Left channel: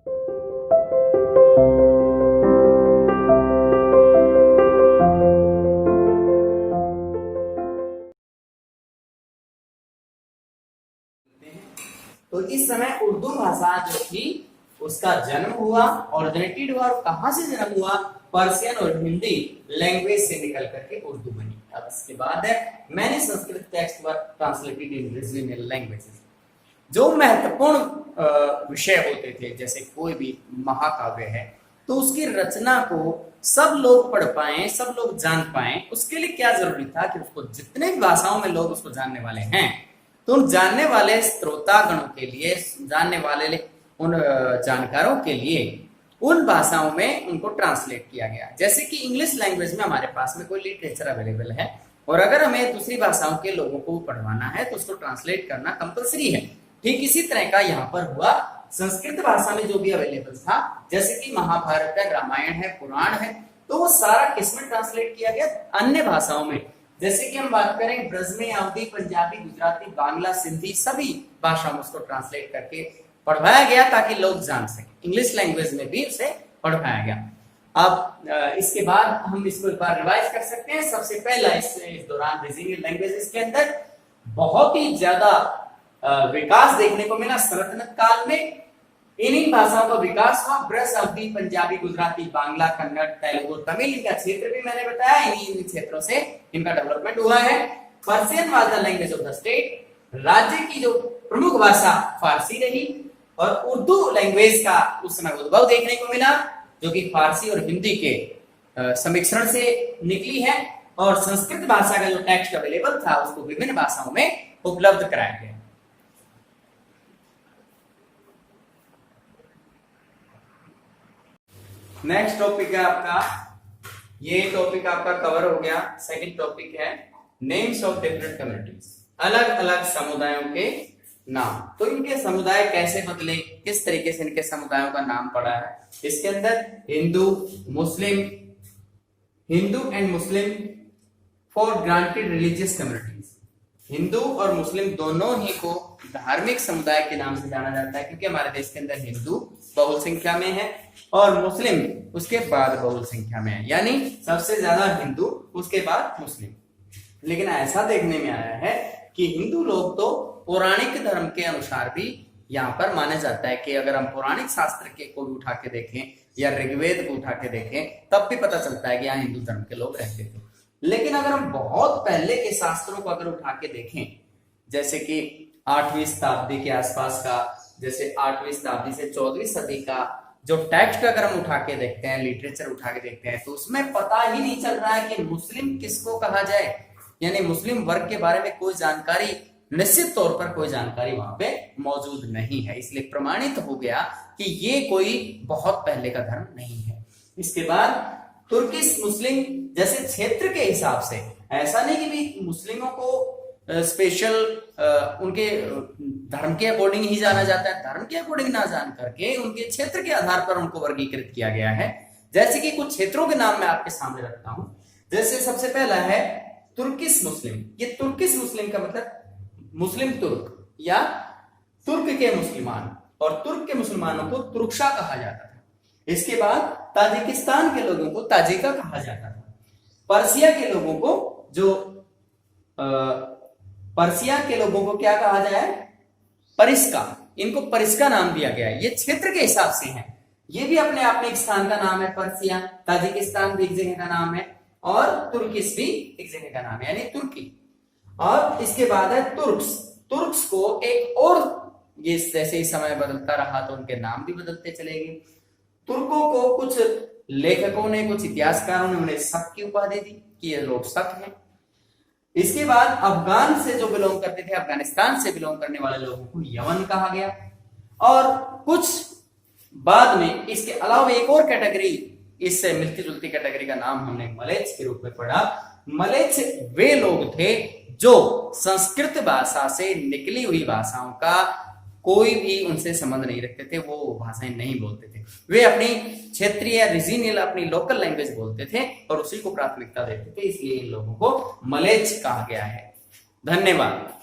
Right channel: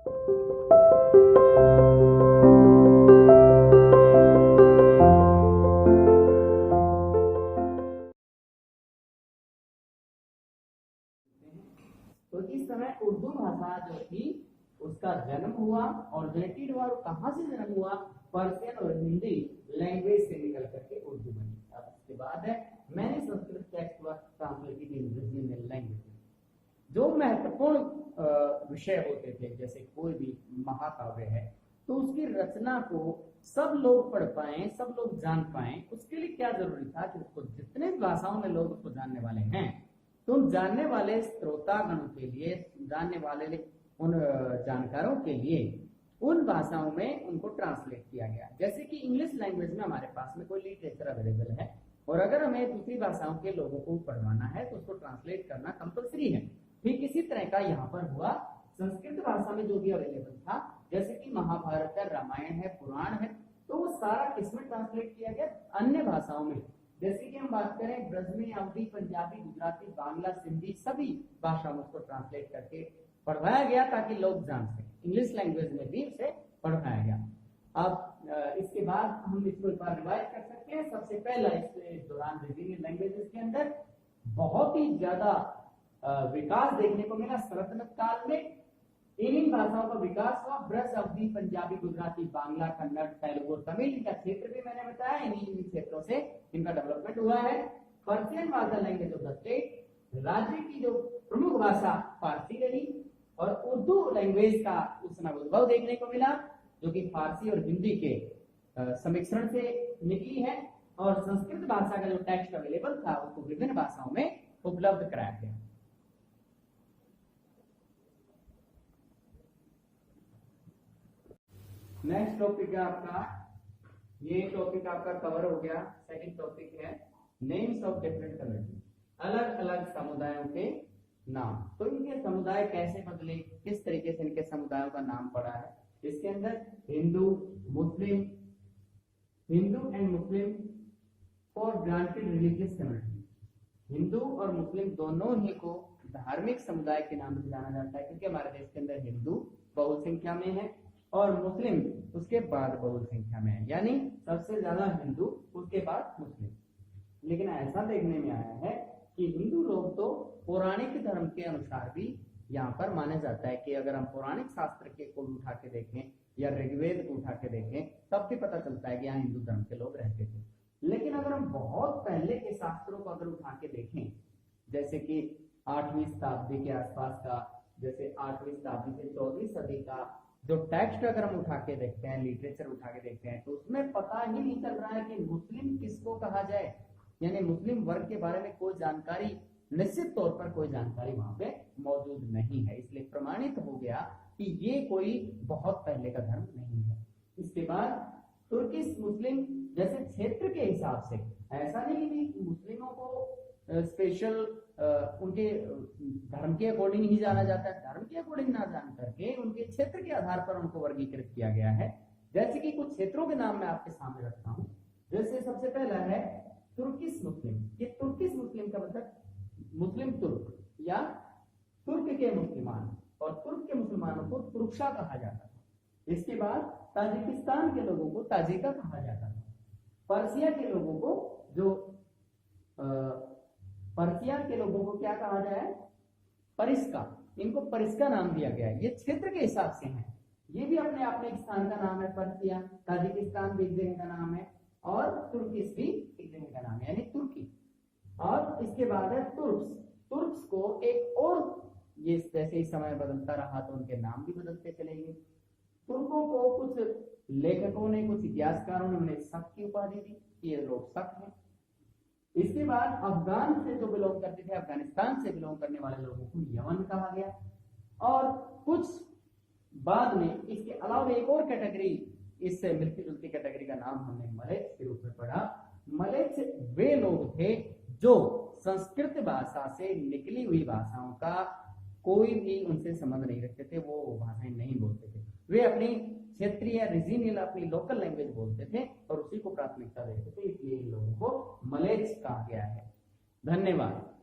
तो इस समय उर्दू भाषा जो थी उसका जन्म हुआ, ऑरिजिनेटेड हुआ, और कहां से जन्म हुआ? पर्शियन और हिंदी लैंग्वेज से निकल करके उर्दू बनी। अब इसके बाद है मैंने Sanskrit text were translated in regional languages. जो महत्वपूर्ण विषय होते थे, जैसे कोई भी महाकाव्य है, तो उसकी रचना को सब लोग पढ़ पाए, सब लोग जान पाए, उसके लिए क्या जरूरी था कि उसको जितने भी भाषाओं में लोग उसको जानने वाले हैं, तो उन जानने वाले श्रोतागणों के लिए, जानने वाले उन जानकारों के लिए उन भाषाओं में उनको ट्रांसलेट किया गया। जैसे कि इंग्लिश लैंग्वेज में हमारे पास में कोई लिटरेचर अवेलेबल है, और अगर हमें दूसरी भाषाओं के लोगों को पढ़वाना है तो उसको ट्रांसलेट करना कंपलसरी है। ठीक इसी तरह का यहाँ पर हुआ। संस्कृत भाषा में जो भी अवेलेबल था, जैसे कि महाभारत है, रामायण है, पुराण है, तो वो सारा किसमें ट्रांसलेट किया गया? अन्य भाषाओं में। जैसे कि हम बात करें ब्रज में अवधी, पंजाबी, गुजराती, बांग्ला, सिंधी, सभी भाषाओं में उसको ट्रांसलेट करके पढ़वाया गया ताकि लोग जान सके। इंग्लिश लैंग्वेज में भी उसे पढ़वाया गया। अब इसके बाद हम इसको एक बार रिवाइज कर सकते हैं। सबसे पहला इस दौरान रीजनल लैंग्वेजेस के अंदर बहुत ही ज्यादा विकास देखने को मिला सल्तनत काल में। इन्हीं भाषाओं का विकास हुआ। ब्रज, अवधी, पंजाबी, गुजराती, बांग्ला, कन्नड़, तेलुगु, तमिल, इनका क्षेत्र भी मैंने बताया, इन्हीं क्षेत्रों से इनका डेवलपमेंट हुआ है। Persian was the language of the state. राज्य की जो प्रमुख भाषा फारसी रही, और उर्दू लैंग्वेज का उस समय उद्भव देखने को मिला, जो कि फारसी और हिंदी के समिश्रण से निकली है। और संस्कृत भाषा का जो टेक्स्ट अवेलेबल था उसको विभिन्न भाषाओं में उपलब्ध कराया गया। नेक्स्ट टॉपिक है आपका, ये टॉपिक आपका कवर हो गया। सेकंड टॉपिक है नेम्स ऑफ डिफरेंट कम्युनिटीज, अलग अलग समुदायों के नाम। तो इनके समुदाय कैसे बदले, किस तरीके से इनके समुदायों का नाम पड़ा है। इसके अंदर Hindu, Muslim, Hindu and Muslim for granted religious communities. हिंदू और मुस्लिम दोनों ही को धार्मिक समुदाय के नाम से जाना जाता है, क्योंकि हमारे देश के अंदर हिंदू बहुल संख्या में है और मुस्लिम उसके बाद बहुल संख्या में है, यानी सबसे ज्यादा हिंदू, उसके बाद मुस्लिम। लेकिन ऐसा देखने में आया है कि हिंदू लोग तो पौराणिक धर्म के अनुसार भी यहाँ पर माना जाता है कि अगर हम पौराणिक शास्त्र के को भी उठा के देखें या ऋग्वेद को उठा के देखें, तब भी पता चलता है कि यहाँ हिंदू धर्म के लोग रहते थे। लेकिन अगर हम बहुत पहले के शास्त्रों को अगर उठा के देखें, जैसे कि 8वीं शताब्दी के आसपास का, जैसे 8वीं शताब्दी से 14वीं सदी का जो टेक्स्ट अगर हम उठा के देखते हैं, लिटरेचर उठा के देखते हैं, तो उसमें पता ही नहीं चल रहा है कि मुस्लिम किसको कहा जाए, यानी मुस्लिम वर्ग के बारे में कोई जानकारी, निश्चित तौर पर कोई जानकारी वहां पे मौजूद नहीं है। इसलिए प्रमाणित हो गया कि ये कोई बहुत पहले का धर्म नहीं है। इसके बाद तुर्किश मुस्लिम, जैसे क्षेत्र के हिसाब से, ऐसा नहीं कि भी मुस्लिमों को स्पेशल उनके धर्म के अकॉर्डिंग ही जाना जाता है, धर्म के अकॉर्डिंग ना जान करके उनके क्षेत्र के आधार पर उनको वर्गीकृत किया गया है। जैसे कि कुछ क्षेत्रों के नाम मैं आपके सामने रखता हूं। जैसे सबसे पहला है तुर्किश मुस्लिम। ये तुर्किश मुस्लिम का मतलब मुस्लिम तुर्क या तुर्क के मुसलमान, और तुर्क के मुसलमानों को तुर्कशा कहा जाता था। इसके बाद ताजिकिस्तान के लोगों को ताजिका कहा जाता था। पर्सिया के लोगों को पर्सिया के लोगों को क्या कहा जाए? परिस्का। इनको परिस्का नाम दिया गया है। ये क्षेत्र के हिसाब से हैं। ये भी अपने आप में एक स्थान का नाम है। पर्सिया, ताजिकिस्तान भी एक जगह का नाम है, और तुर्किश भी एक जगह का नाम है, यानी तुर्की। और इसके बाद है तुर्क्स। तुर्क्स को एक और, ये जैसे ही समय बदलता रहा तो उनके नाम भी बदलते चले गए। तुर्कों को कुछ लेखकों ने, कुछ इतिहासकारों ने उन्हें शक की उपाधि दी कि ये लोग शक हैं। इसके बाद अफगान से जो बिलोंग करते थे, अफगानिस्तान से बिलोंग करने वाले लोगों को यमन कहा गया। और कुछ बाद में इसके अलावा एक और कैटेगरी, इससे मिलती जुलती कैटेगरी का नाम हमने मलेच्छ के रूप में पढ़ा। मलेच्छ वे लोग थे जो संस्कृत भाषा से निकली हुई भाषाओं का कोई भी उनसे संबंध नहीं रखते थे, वो भाषाएं नहीं बोलते थे। वे अपनी क्षेत्रीय, रीजनल, अपनी लोकल लैंग्वेज बोलते थे और उसी को प्राथमिकता देते थे। इसलिए इन लोगों को मलेच्छ कहा गया है। धन्यवाद।